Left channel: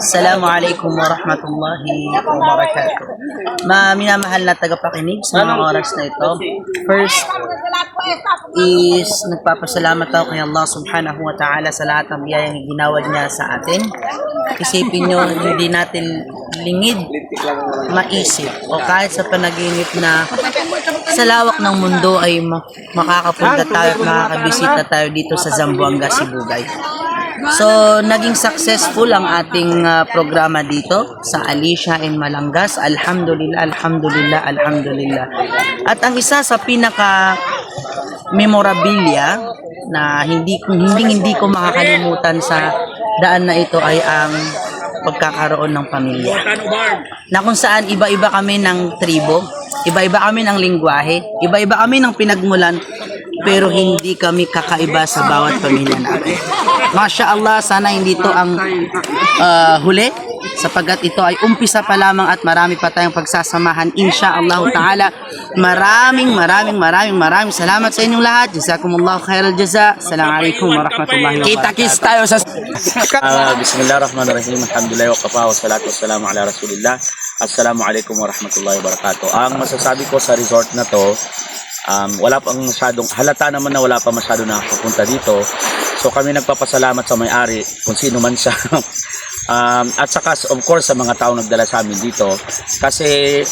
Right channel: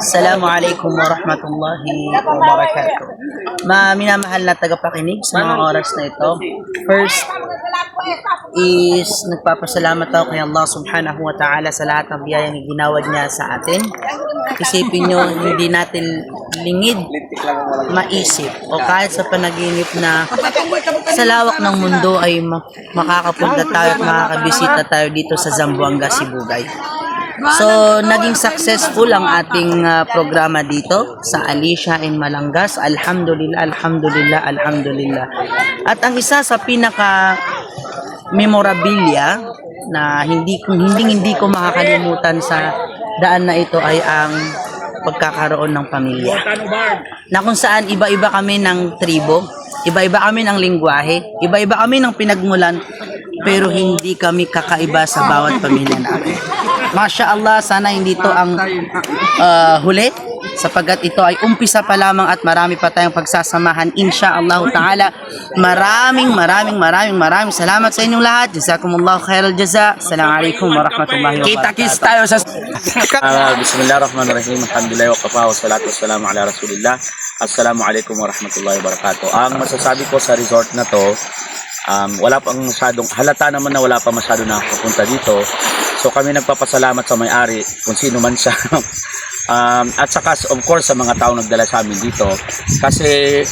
Assalamualaikum warahmatullahi wabarakatuh. Minamahal na tagapakinig sa mga oras na ito. First is nagpapasalamat ako kay Allah subhanahu wa ta'ala sa lahat ng biyayang ginawad niya sa atin. Isipin nyo, hindi natin lingid maisip o kahit sa panaginip na sa lawak ng mundo ay makakapunta tayo at makakabisita tayo dito sa Zamboanga, Sibugay. So, naging successful ang ating programa dito sa Alicia in Malangas. Alhamdulillah, alhamdulillah, alhamdulillah. At ang isa sa pinaka memorabilia na hindi ko makakalimutan sa daan na ito ay ang pagkakaroon ng pamilya. Na kung saan iba-iba kami ng tribo, iba-iba kami ng lingwahe, iba-iba kami ng pinagmulan, pero hindi kami kakaiba sa bawat pamilya namin. Masya Allah, sana hindi to ang huli, sapagkat ito ay umpisa pa lamang at marami pa tayong pagsasamahan, insya Allah ta'ala. Maraming salamat sa inyong lahat. Jazakumullahu khairal jaza. Assalamualaikum warahmatullahi wabarakatuh. Kita-kits tayo sa Bismillahirrahmanirrahim. Alhamdulillah wa kafa wa salatu wassalamu ala rasulillah. Assalamualaikum warahmatullahi wabarakatuh. Ang masasabi ko sa resort na to, wala pang masyadong, halata naman na wala pa masyado nakakapunta dito. So kami nagpapasalamat sa may-ari, kung sino man siya. At saka of course sa mga tao nagdala sa amin dito. Kasi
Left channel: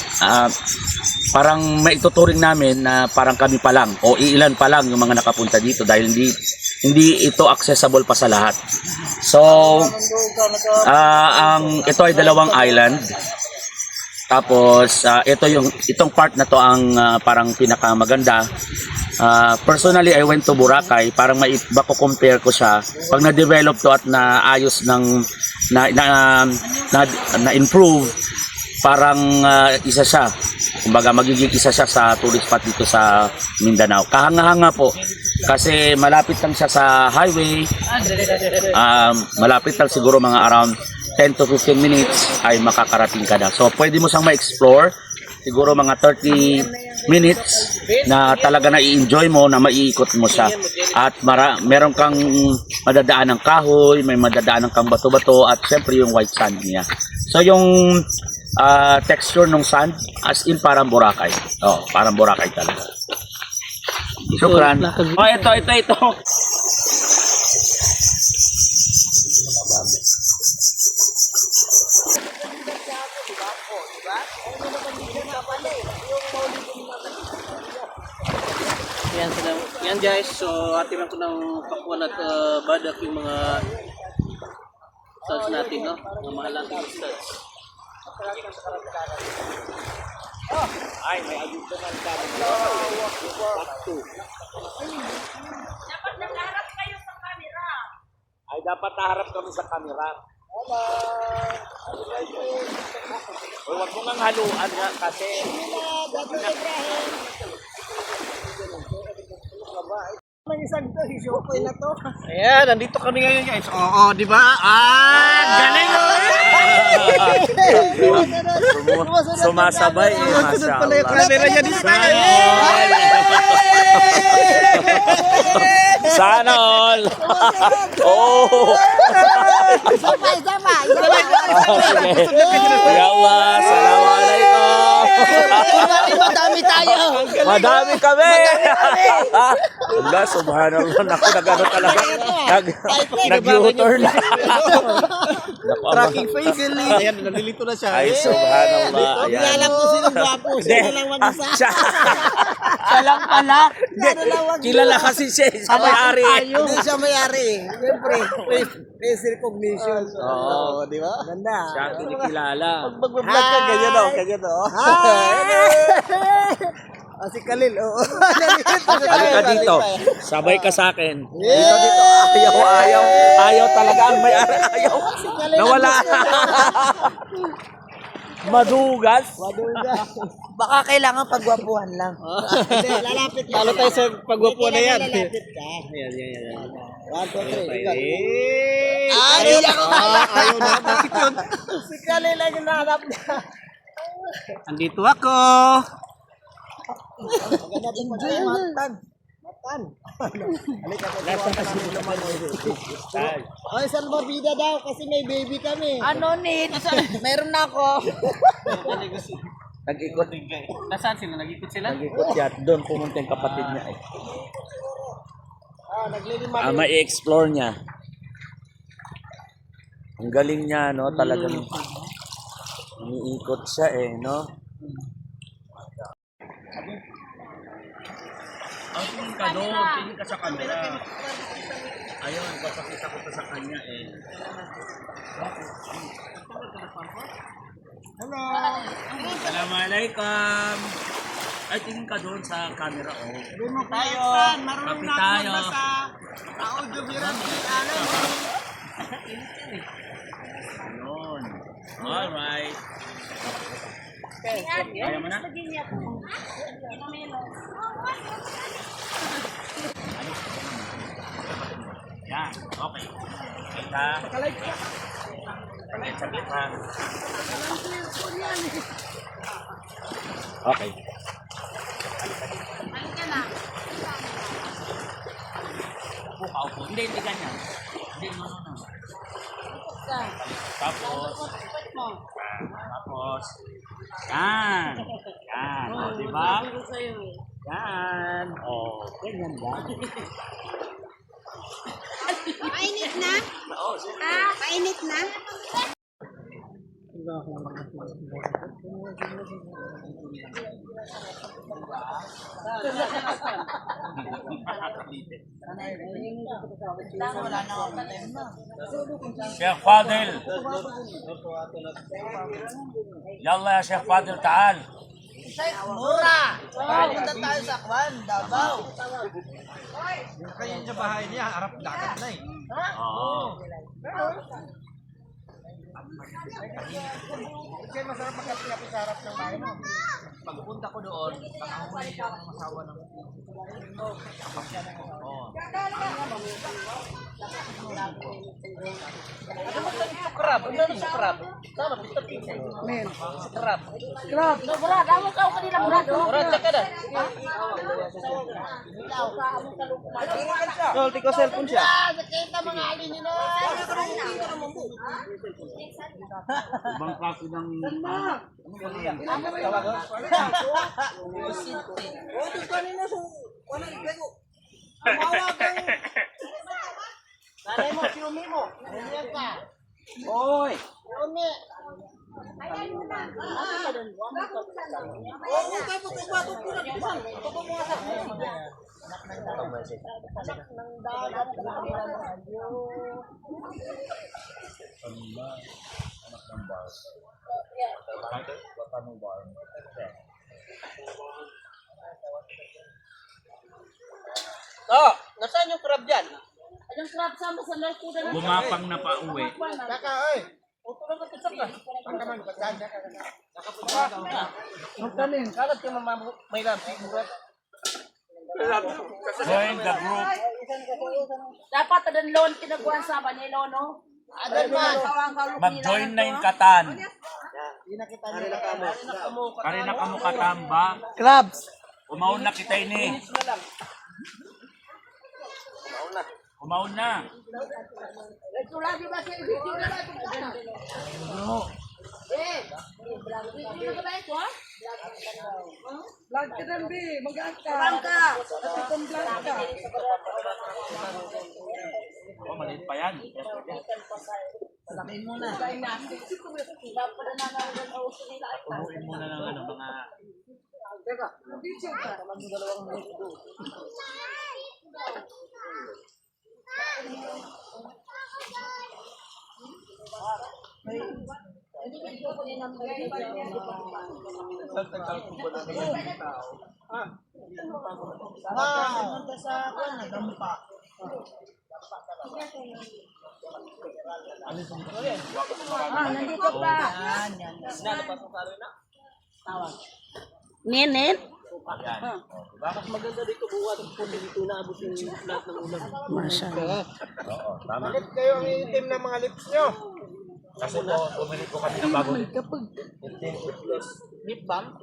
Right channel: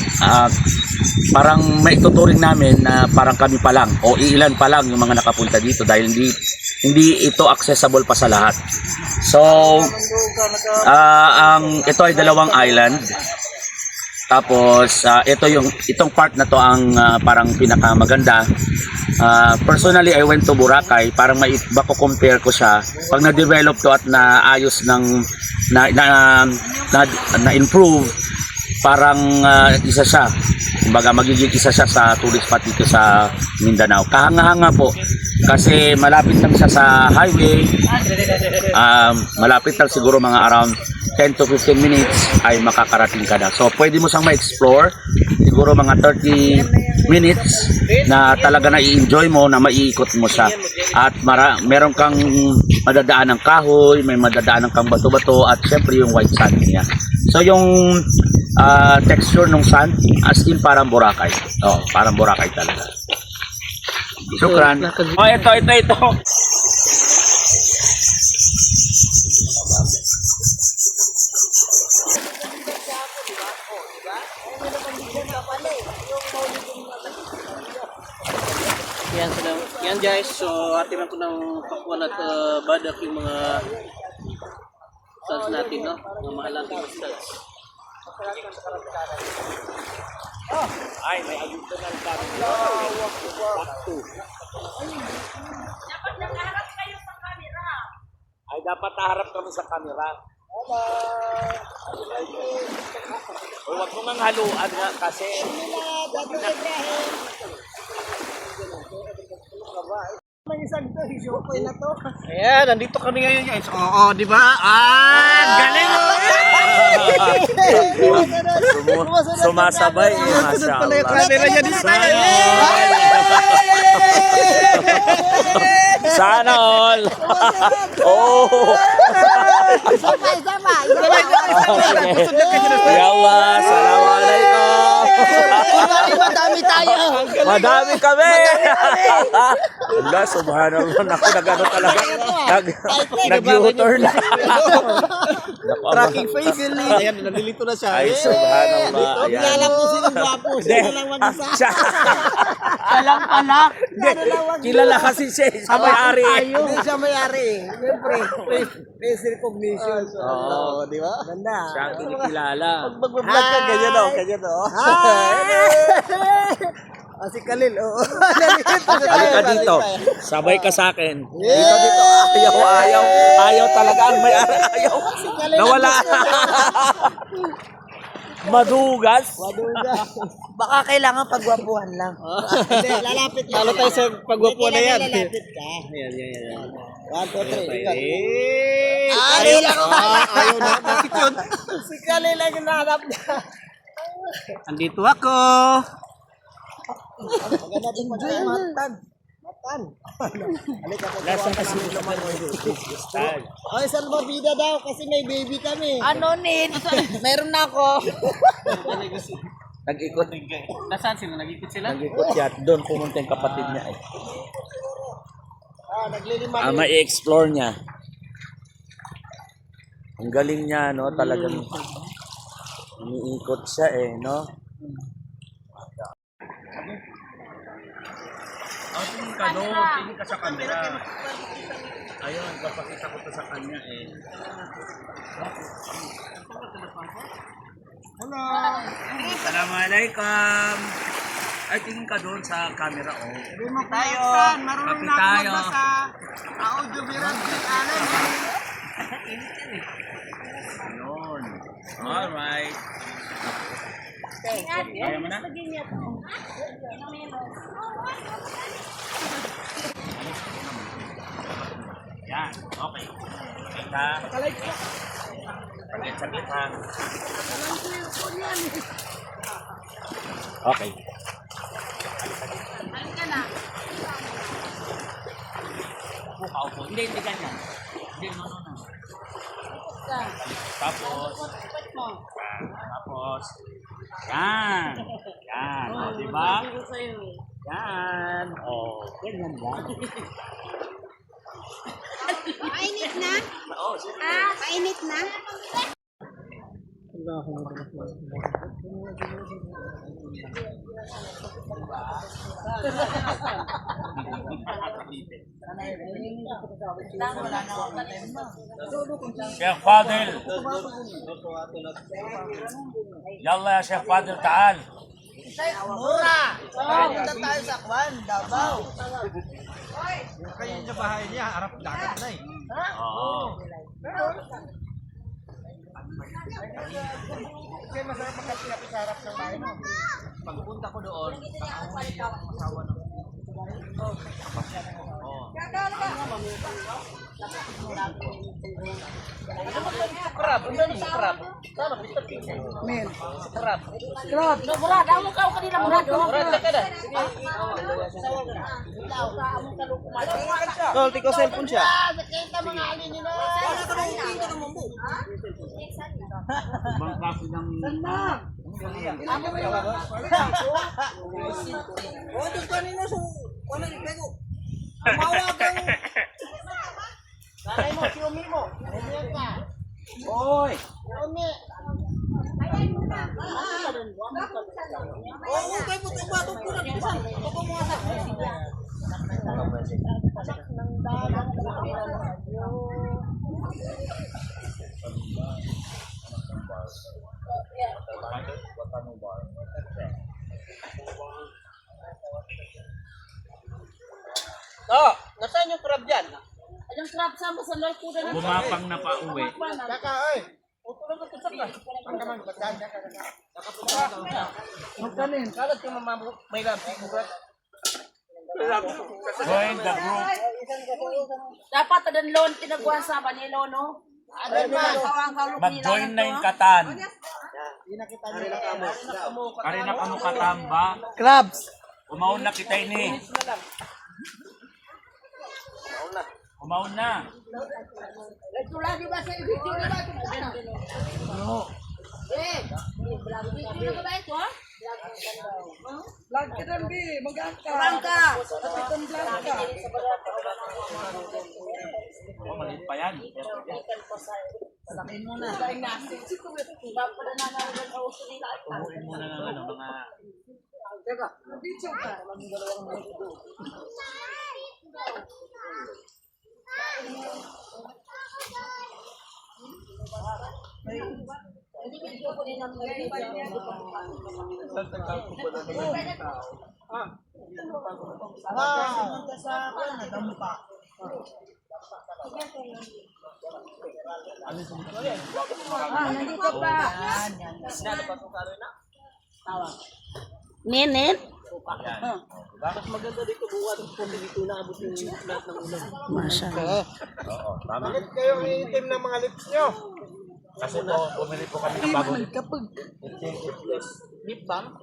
parang maituturing namin na parang kami pa lang o ilan pa lang yung mga nakapunta dito dahil hindi ito accessible pa sa lahat. So ito ay dalawang island. Tapos itong part na to ang parang pinakamaganda. Personally, I went to Boracay para compare ko siya. Pag na-develop to at naayos ng na-improve, parang isa siya. Kumbaga magiging isa siya sa tourist spot dito sa Mindanao. Kahanga-hanga po. Kasi malapit lang siya sa highway. Malapit lang siguro mga around 10 to 15 minutes ay makakarating ka na. So pwede mo siyang ma-explore. Siguro mga 30 minutes na talaga na i-enjoy mo, na maiikot mo siya. At meron kang madadaan ng kahoy, may madadaan kang bato-bato at syempre yung white sand niya. So yung texture ng sand as in parang Boracay. Oh, parang Boracay talaga. Shukran. Oh, ito. Yan guys, so atiran ko ng pakwan at badak yung mga studs natin, no? Mga mahal natin studs. Ay, may agito ng camera. Dapat nakaharap kayo sa camera. Ay, dapat naharap kami sa camera. O, wag mo nang haluan kasi. Ayan, nandito kami ngayon guys. Oo, di ba? Galing mo! Sumasabay. Sunod pala yung camera niya dito. Sana all. Oh. Sabay. Ya Allah, assalamualaikum. Madami tayo. Madami kami. Allah, subhanallah. Naku, nag-ano talaga. Nag-u-turn lang. Tracking face yun. Ayan, nalilito na siya. Ay, subhanallah. Alam ko sino gwapo. Siya lang mag-isa. Siya lang pala. Kilala kasi siya sa may-ari. Hindi siya may-ari. Siyempre, face recognition. Oo, di ba? Ganda. Siya ang kinikilala. Mag-vlog ka, ganyan o, ganyan o. Si Khalil, oo. Halika dito. Sabay ka sa akin. Dito. Ayaw talaga ang may-ari. Ayaw. Nawala. Madugas. Baka kailangan pagwapuhan lang. Hindi, lalapit ka. Talo tayo sa pagwapo na yan. Lalapit ka. Ayan. 1, 2, 3. Ay, lang ako. Ayaw na. Bakit yun? Si Khalil lang yung nahanap niya. Andito ako. Maganda din enjoy, matan. Kan. Halika po. Ay, salbabida daw kasi may baby kami. Ano need? Meron na ako. Nag-ikot. Nasaan sila? Nag-ikot sila? Nag-ikot siya. Doon pumunta yung kapatid niya. Ma-i-explore niya. Ang galing niya, no? Talagang umiikot siya no? Tingin ka doon. Tingin ka sa camera. Ayun, papakita ko to sa kanya Hello. Assalamualaikum. Ay, tingin ka doon sa camera, Sabi mo tayo. Marunong Kapit na ako tayo. magbasa. Audio viral. Ayun. Alright. Kaya mo na? Yan, okay. Kita. Saglit ha. Okay. Upo. Hindi ganyan. Hindi, no. Tapos, yan. Yan, di ba? Yan. Ganyan lang. Mainit na? Oo, Mainit na? Sheikh Fadil. Yalla ya Sheikh Fadil, taal. Mura! Pupunta tayo sa Kwan, Davao. Kaya yung bahay niya, harap dagat na eh. Oo. Kasi masarap magkapi-kapi sa harap ng bahay mo. Pagpunta ko doon, nakahuli yung asawa ng Ano ba tayo sa crab? Ano ba sa crab? Tama, basta pizza. Men, sa crab. Crab. Mura, damo ka kanina mura. Mura, tsaka na. Tol, tiko cellphone siya. Nakita mga alin nila. Ibang kaso ng... Nanay mo, si Umi mo. Nandiyan ka. Oy! Si Umi. Anak ng dagat naman kayo. Oh, nasaan yung crab dyan? Bumapang na pa uwi. Kaka, oy. Uto na magkasak ka. Ang kaman, bataan ka kaka. Nakapunta ka. Magkanin, kalat ka may rampi murat. Join the group. Dapat ada loan tinaguan sa Manila, no? Adan man. Mag-join na yung katan. Hindi na kita nila kamo. Karina kamo katamba. Crabs. Umaon na kita ini. Umaon na. Ito lagi ba sa video na natin? Bro. Video ba ito, ha? Vlog ka rin, Bi. Mag-angka. Angka. Kasi kung vlog ka. Oh, maliit pa yan. Salakin mo na. Patubuin muna ng mga... Punta sa Kwan, dampa. Nandito pa. Yan. Nenet? Yan. Mas maganda dito buwan kung dito naabot yung lahat ng ulan. Oo, tama. Kayo ang itim ng mga lips nyo. Kasi po, bumili po kami ng bagong Kapag Lip balm?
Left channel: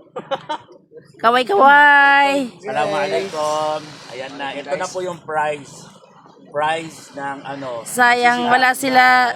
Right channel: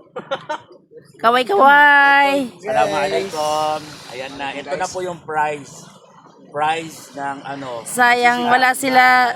Kaway-kaway. Assalamualaikum. Ayan na. Ito na po yung prize. Prize ng ano. Sayang wala sila